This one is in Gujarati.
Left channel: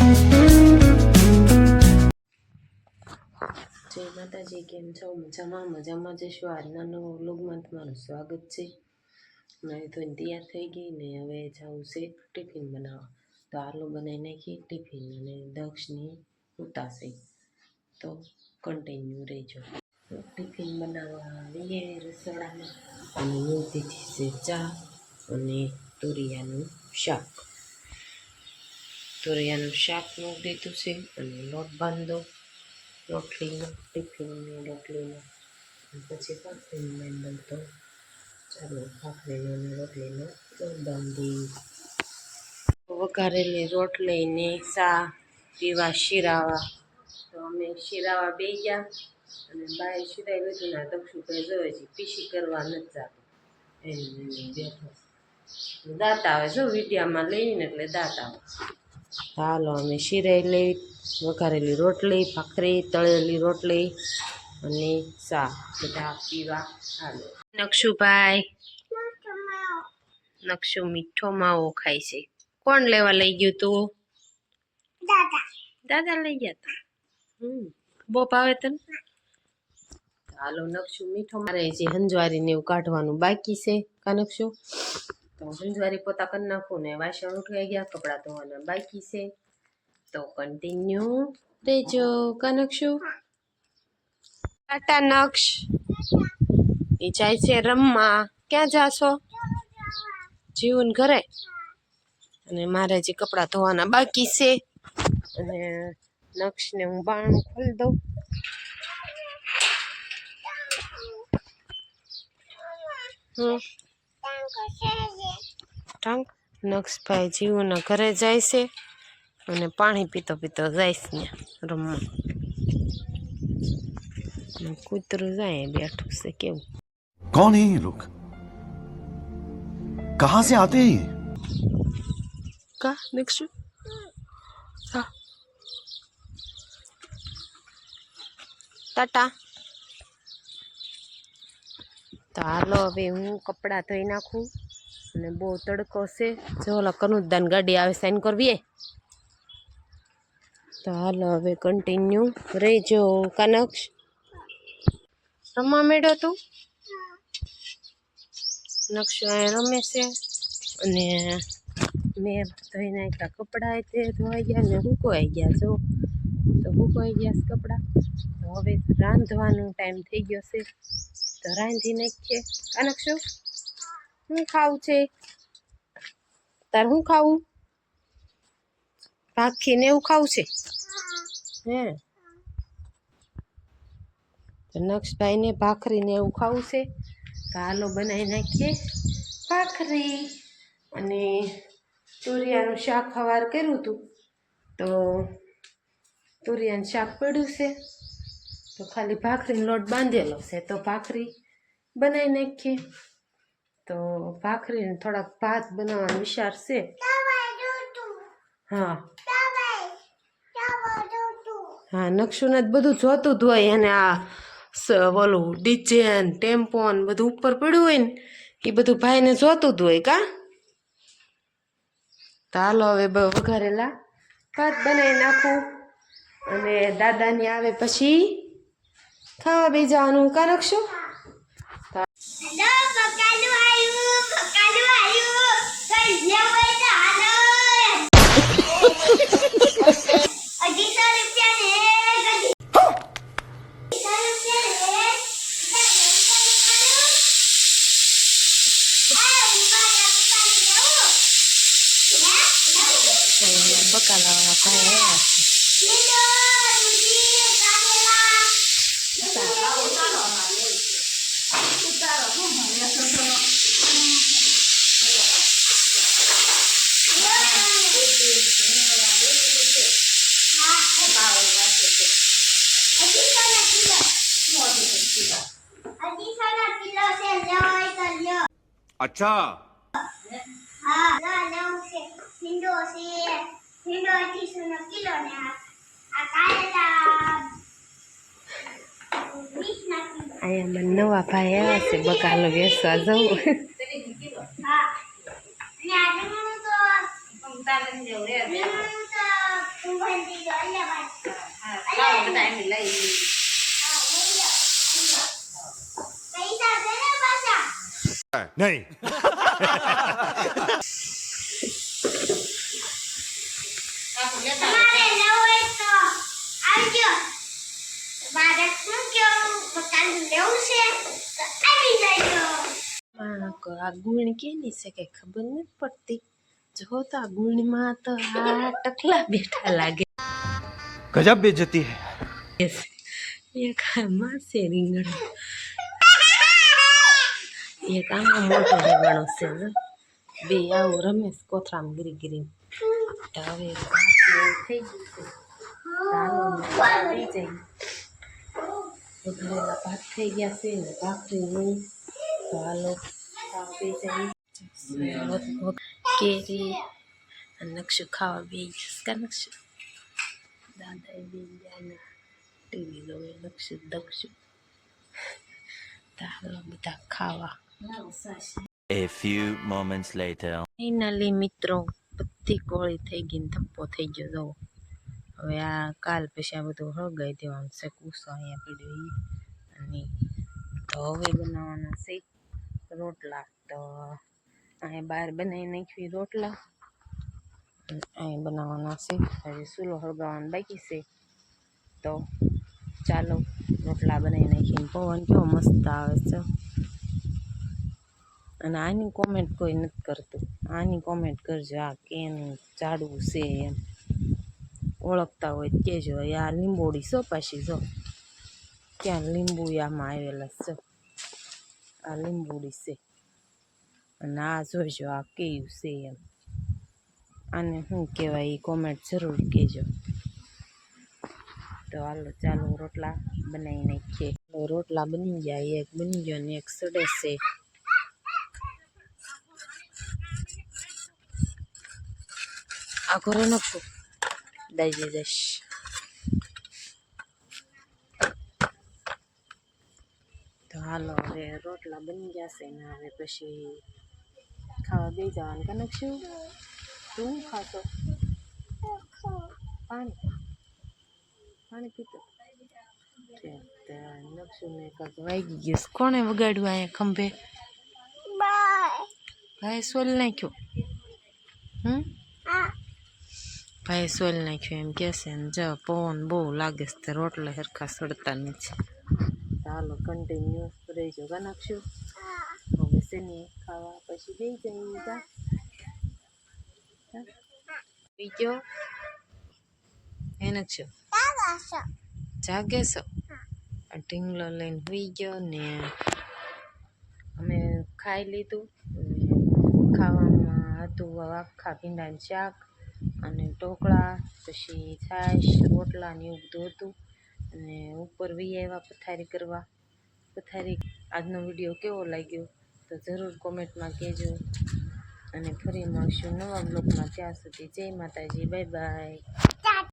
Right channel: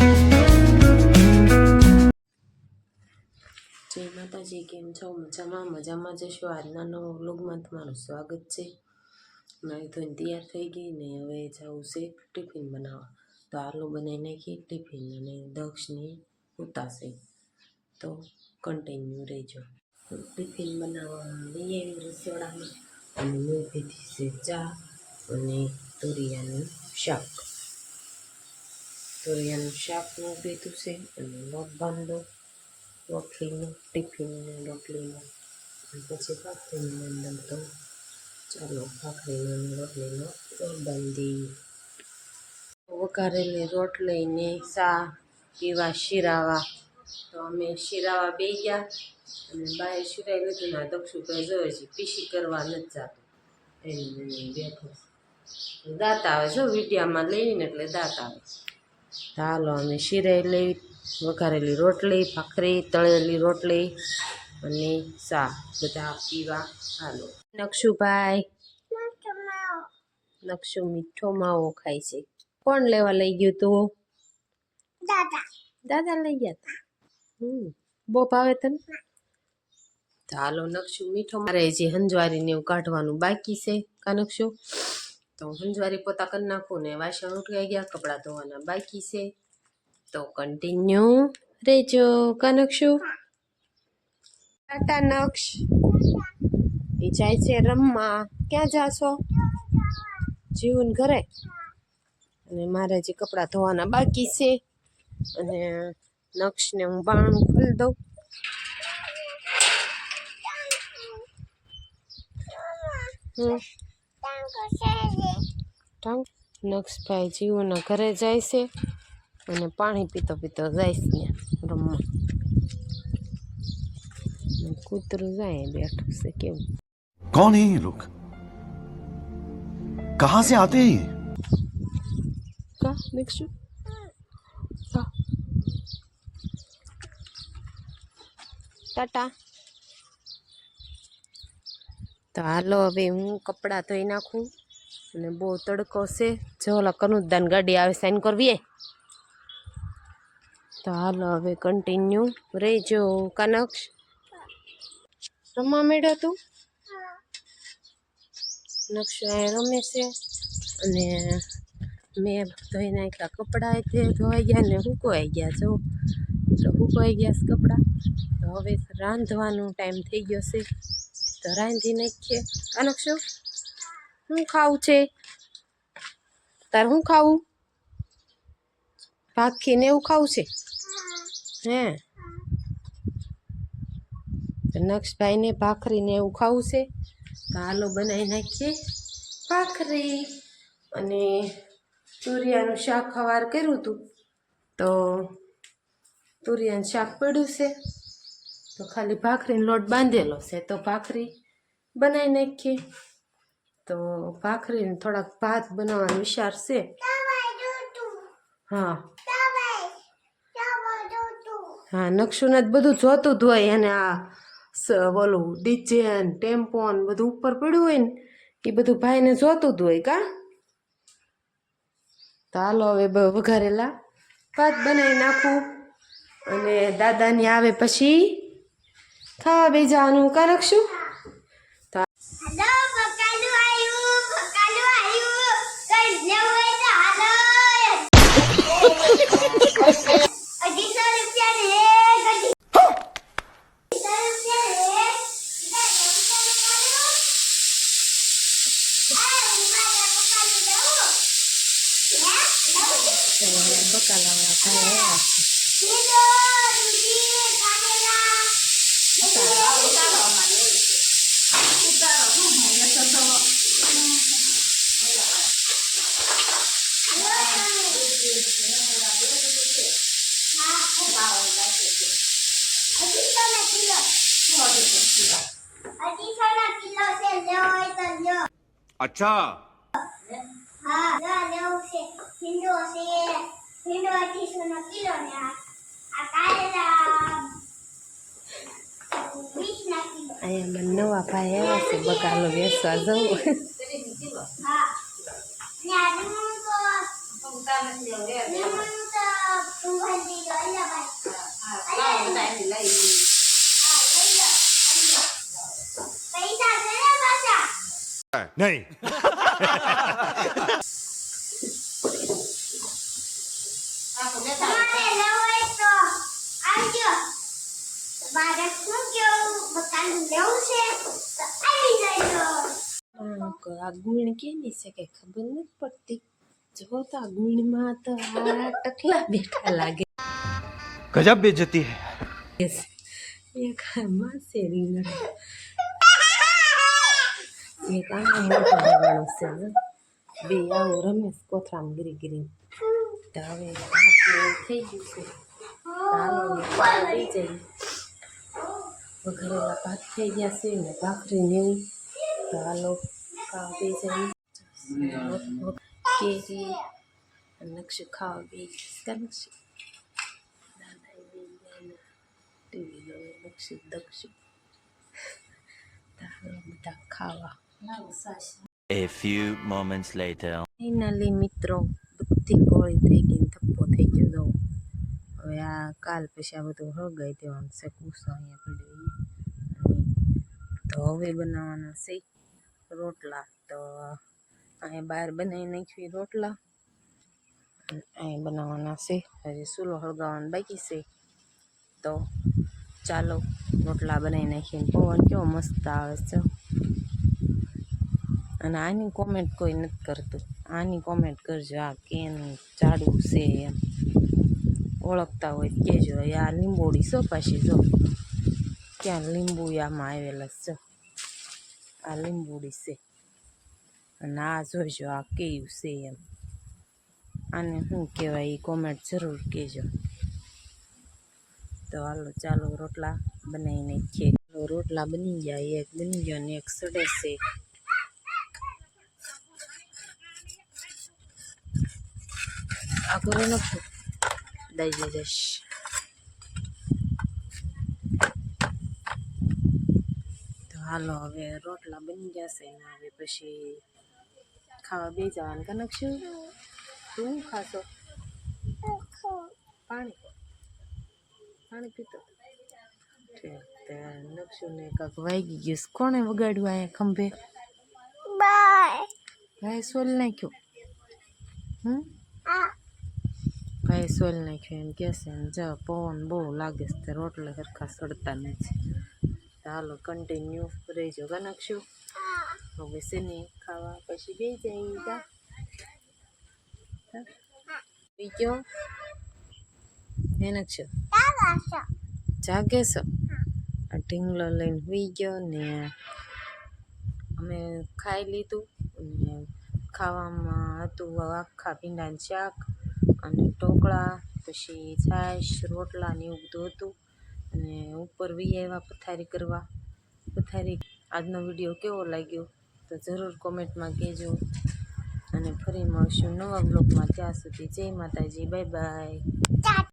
જય માતાજી, કેમ છો? મજામાં જશો? આજના નવા વ્લોગમાં તમારું સ્વાગત છે. મારી ધોઈને તૈયાર થઈ ગઈ ને હવે જવું છે ટિફિન બનાવવા. તો આલુ બનાવી નાખી ટિફિન અને દક્ષની ઉતાશે. તો કન્ટિન્યુ રહેજો. ટિફિન બનાવવા લઈએ રસોડામાં અને મૂકી દીધી છે ચા અને તુરિયાનું શાક. તુરિયાનું શાક મૂકી દીધું છે અને લોટ બાંધો રોટલીનો, ટિફિનનો રોટલીનો. પછી ભાખરીનો મેંદમ. તો ચાલો ભાખરીનો અને રોટલીનો લોટ બાંધી. વઘારેલી રોટલીને સા પીવા શીરાવા. તો અમે શીરાવા બે ગયા અને બાય શીરાઈ લીધું ના દક્ષુભાઈ જોવે છે પીસી કરવા નથી જતું એને બેઠો દાંત આવે જો વિડીયામાં લઈને એટલે દાંત આવે. હાલો અમે શીરાઈ લઈ, વઘારેલી રોટલી, ભાખરી, તળેલી રોટલી અને સા બધા પીવા. હાલો નક્ષુભાઈ, નક્ષુ મીઠો માવો ખાય છે. કોણ લેવા લઈ ગયું તું? દાદા લઈ ગયા હતા. બહુ ભાવે તને? હાલો નક્ષુ મીઠો મારે જે હંજવારી ને એવું કાઢવાનું બાકી છે કા નક્ષુ? તો હંજવારી પોતા કરી નાખું ને વાસણ ઉઠાઈ ગયા, કપડાં ધોવાના બાકી છે. તો કન્ટિન્યુ રેજો કા નક્ષુ? ટાટા નક્ષ એ જાય છે રમવા. ક્યાં જાશો? જીવન ઘરે. અને મારે જે કપડાં ધોવાના બાકી છે અને નક્ષને હું બારણું ખોલી દઉં. નક્ષભાઈ જીવુના ઘરે જાય છે અને પાણી પીતો પીતો જાય છે ત્યાં રમવા. કૂતરું જાય બેઠું છે કેવું. कौन है ये लोग? कहां से आते हैं ये? કા નક્ષુ ટાટા. તો હાલો હવે હું કપડાં ધોઈ નાખું અને બહુ તડકો છે. જો ઓલા કનુદાન ગાડી આવે સાઈન કરવી. તો હાલો હવે કન્ટિન્યુ રહેજો કનક્ષ. રમવા મેળ્યો તું? નક્ષ રમે છે અને મેં ધોઈ નાખ્યા કપડાં તે ધોવાઈ ગયા ને હુકવાઈ ગયા. જો તો હુકવાઈ ગયા છે કપડાં. તો હવે રાંધવાનો ટાઈમ થઈ ગયો છે તો રાંધી નાખીએ. નક્ષુ શું ખાવું છે તારે? શું ખાવું? ભાખીને એવું ખાવું છે હે? નક્ષભાઈને ભાખરીને એવું ખાવું છે. તો હાલો બનાવી નાખીએ ભાખરી. અને તુરિયાનું શાક સવાર કર્યું હતું તો તુરિયાનું શાક પડ્યું છે તો ખાલી ભાખરીનો લોટ બાંધેલો છે તો ભાખરી બનાવી નાખીએ. તો ભાખરીને થોડાક ભાત બનાવવાનો વિચાર છે. હા હા નક્ષુને જ બધું જોતું જ હોય અને આ ઓલું ડીજે ટેમ્પો ને બધું ઉપર પડ્યું હોય ને એ બધું ભાઈને જોતું જ હોય કા. તો હાલો હવે વઘારેલા ભાત બનાવી નાખું અને દાદાની આવે પછી ખાવા બેસવાનું કા નક્ષુ? બકાલાવાળા ભાઈ આવ્યા है अच्छा हाँ लेવું છે ભીંડો છે ભીંડો 800 કિલો ને આ કારેલા 20 ના કિલો. અહીંયા મને નવા ભાઈ આવ્યા છે બકાલો વેચવા જવું. હા અને આજે હું તો તું ભંડી દો લે ભાઈ લાવો બધા એમ લઈ લઈ. હા લઈ લો પૈસા કરે પાછા नहीं તમારે લેવું હોય તો આવજો મારે શું કેવું મકાન લેવું છે તો આવી જજો આ ગુણ કેની છે કઈ ખબર નથી પડતી. જો તો આ ગુણમાં તો આ ટકલા બેઠા લાગે. गजब बेइज्जती है એક આમાં છે રીંગણ, એક આમાં મોટો રીંગણો છે. જો બે આવું રમેશ કોથરામ ગીરી ગીરી. તો હવે ભાત ને એવું થઈ ગયું છે. ચાલો ને ખાવા દઈ જઈએ. વઘારેલા ભાત થઈ ગયા છે ને ભાખરી ને એવું. તો હાલો ખાવા દઈ જઈએ. કેરી અને નકશું ખાવા બે કા નકશું દાદા બે જાય ટીવી જોવે નકશું દક્ષું. તો હાલો બધા ખાવા. A few moments later. Finally મિત્રો બધી કોળી થઈ ગઈ ને ધપ્પો થઈ ગયો. જો હવે આ કાલ પછી આ બધું હળગાઈ દેવાનું છે. કૂસો અહીંયા પીડ્યો ઈ. અને તો હવે બનાવવાના છે રોટલા. તો અહીંયા બહાર બનાવી નાખવી રોટલા અને અહીં બનાવવાના છે. હજી ચૂલો હળગાવવાનો બાકી છે. તો ચાલો રોટલા બનાવી નાખીને. પવન કેવો મસ્ત આવે છે. અને આની કોમેન્ટ કોઈ નથી કરતું. આની કોમેન્ટ કરજો આ કેનું જાડું છે એમ ઓળખતા હોય કહેજો. આ લીંબોડી છો પાછી જો ક્યાં લીંબુ આમાં આવેલા છે. આ લીંબોડી છે અને આ જોઈજો આ કેવું છે એમ. આને શું કહેવાય એ કોમેન્ટ જરૂર કહેજો. તો હાલો ચાલો રોટલા બનાવી નાખીએ. રોટલા બની ગયા. એક બની ગયો ને એક સડે છે. આ ઘરે નખશું દઈ જઈશ. તો હાલો હવે રોટલા બની ગયા છે ને હવે પછી ખાવા બે જવાનું કે નખશું. શું ખાશો? પાણી પાણી પીતો નખશું ને કાંક વાગી ગયું. કોણે વગાડ્યું અહીંયા ખંભે? બાય ભાઈ સોલ નાખ્યો. ભાઈ સોલ નાખ્યો એમ કહેશે ને. જો પવન બહુ લાગે છે તે રોટલા સરખા સડતા નથી. ચાલો કન્ટિન્યુ રહીજો કા નાખશું. હવે શેની ખાવા પછી બે જાય કા પી ગયો હે નાખશું. જાગે છો? આ ઢીંગલો લઈને સુઈ ગયો ને અમે ખાઈ લીધું. અને ખાવામાં હતું આખા ભીંડાનું શાક અને ઢોકળા પછી છાશ રોટલા ને એવું બધું હતું. અને ઉપર વી આવ્યા પથારી કરવા. પથારી આજનો વિડીયો કેવો લાગ્યો તો જરૂર કોમેન્ટમાં કહેજો. અને ફરી મળશું નવા બ્લોગમાં. ત્યાં સુધી જય માતાજી. Bye bye.